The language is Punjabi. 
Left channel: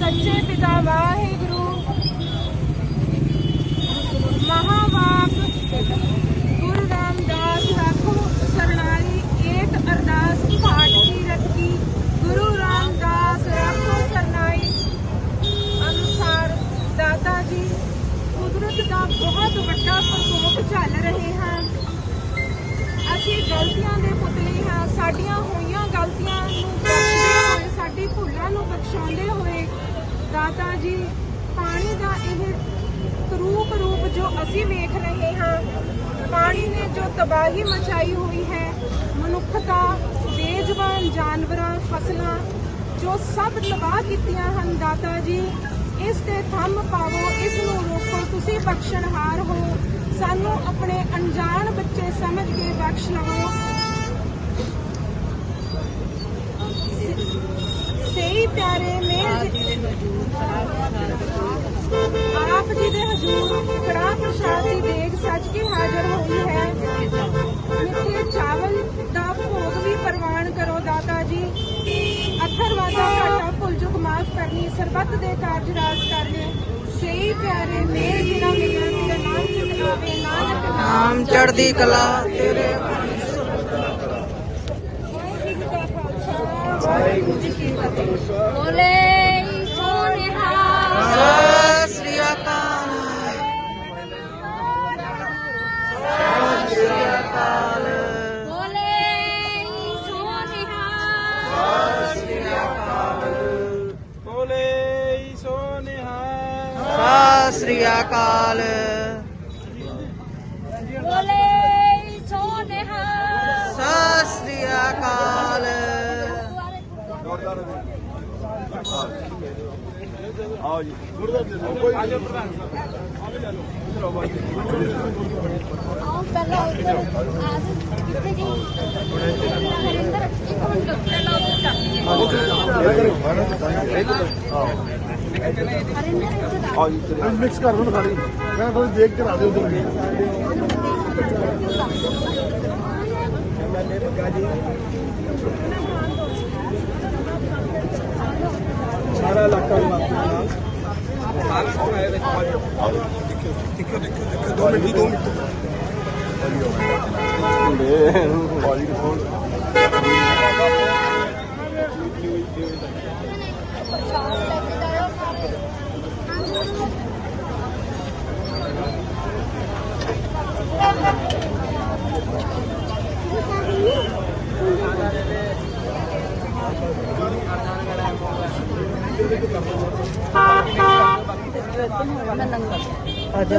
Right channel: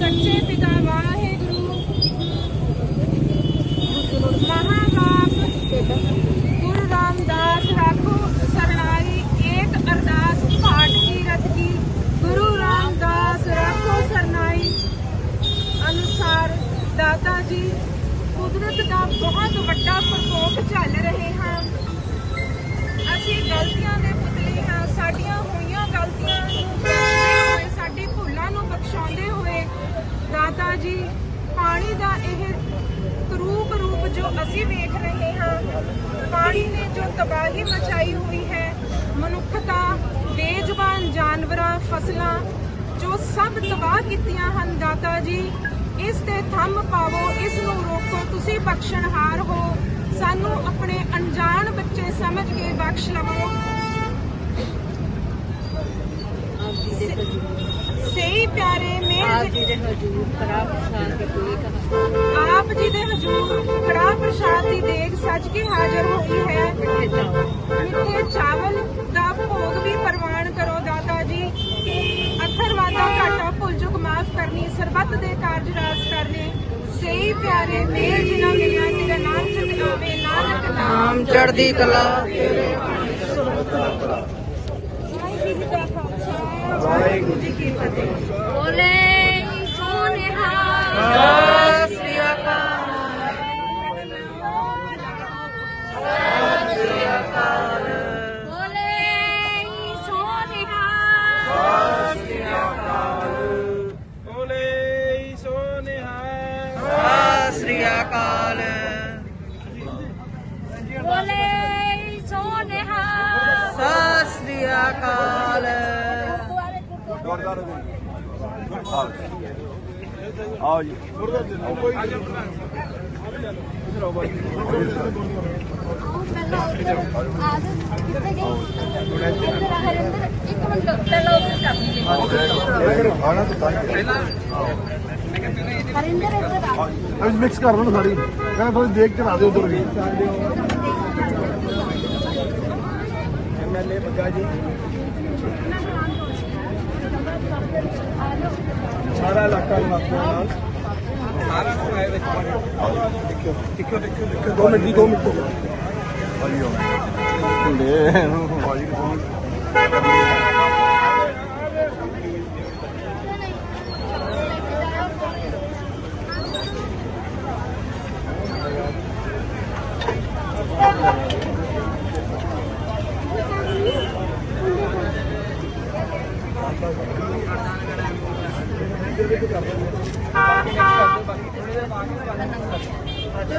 ਸੱਚੇ ਪਿਤਾ ਵਾਹਿਗੁਰੂ। ਮਹਾਵਾਪ ਗੁਰੂ ਰਾਮਦਾਸ ਰੱਖੋ ਸਰਣਾਈ। ਏਕ ਅਰਦਾਸ ਪਾਠ ਦੀ ਰਤਕੀ ਗੁਰੂ ਰਾਮਦਾਸ ਰੱਖੋ ਸਰਣਾਈ। ਅਨੁਸਾਰ ਦਾਦਾ ਜੀ, ਕੁਦਰਤ ਦਾ ਬਹੁਤ ਵੱਡਾ ਪ੍ਰਕੋਪ ਚੱਲ ਰਹੇ ਹਾਂ ਅਸੀਂ ਗਲਤੀਆਂ ਦੇ ਪੁਤਲੇ ਹਾਂ। ਸਾਡੀਆਂ ਹੋਈਆਂ ਗਲਤੀਆਂ ਸਾਡੇ ਭੁੱਲਾਂ ਨੂੰ ਬਖਸ਼ਾਉਂਦੇ ਹੋਏ ਦਾਤਾ ਜੀ, ਪਾਣੀ ਦਾ ਇਹ ਕਰੂਪ ਰੂਪ ਜੋ ਅਸੀਂ ਵੇਖ ਰਹੇ ਹਾਂ, ਪਾਣੀ ਨੇ ਜੋ ਤਬਾਹੀ ਮਚਾਈ ਹੋਈ ਹੈ, ਮਨੁੱਖਤਾ, ਬੇਜ਼ੁਬਾਨ ਜਾਨਵਰਾਂ, ਫਸਲਾਂ, ਜੋ ਸਭ ਤਬਾਹ ਕੀਤੀਆਂ ਹਨ ਦਾਤਾ ਜੀ, ਇਸ ਤੇ ਥੰਮ ਪਾਵੋ, ਇਸ ਨੂੰ ਰੋਕੋ, ਤੁਸੀਂ ਬਖਸ਼ਣਹਾਰ ਹੋ, ਸਾਨੂੰ ਆਪਣੇ ਅਣਜਾਣ ਬੱਚੇ ਸਮਝ ਕੇ ਬਖਸ਼ ਲਵੋ। ਸਹੀ ਪਿਆਰੇ ਮੇਰ ਜੀ ਦੇ ਹਜੂਰ ਖਰਾਬ ਸਾਥ ਕੋਈ ਆਪ ਜੀ ਦੇ ਹਜੂਰ ਕੜਾ ਪ੍ਰਸ਼ਾਦ ਦੀ ਦੇਗ ਸੱਜ ਕੇ ਹਾਜ਼ਰ ਹੋ ਗਈ ਹੈ। ਮਿੱਠੇ ਚਾਵਲ ਦਾ ਭੋਗ ਵੀ ਪ੍ਰਵਾਨ ਕਰੋ ਦਾਤਾ ਜੀ। ਅੱਖਰ ਘਾਟਾ ਭੁੱਲ ਚੁੱਕ ਮਾਫ ਕਰਨੀ, ਸਰਬੱਤ ਦੇ ਕਾਰਜ ਰਾਸ ਕਰਨੇ। ਸਹੀ ਪਿਆਰੇ ਮੇਰ ਜਿਨਾ ਮਿਲਿਆ ਤੇਰੇ ਨਾਮ ਚੁਕਾਵੇ ਨਾਨਕ ਨਾਮ ਨਾਮ ਕਲਾ ਤੇਰੇ ਵਾਹਿਗੁਰੂ ਜੀ ਅਕਾਲ। ਬੋਲੇ ਸੋਨਿਹਾ। ਸਤਿ ਸ੍ਰੀ ਅਕਾਲ। ਆ ਜੀ। ਗੁਰਦਾਸ ਜੀ ਨੂੰ ਕੋਈ ਅੱਜ ਮਿਕਸ ਕਰ ਦੂੰ ਸਾਰੀ ਮੈਂ ਕੋਈ ਦੇਖ ਕੇ ਆ ਦੇ ਉਧਰ ਵੀ ਸਾਰਾ ਇਲਾਕਾ ਵਾਸੀਆਂ అయ్యో Thank you. ਜੀ,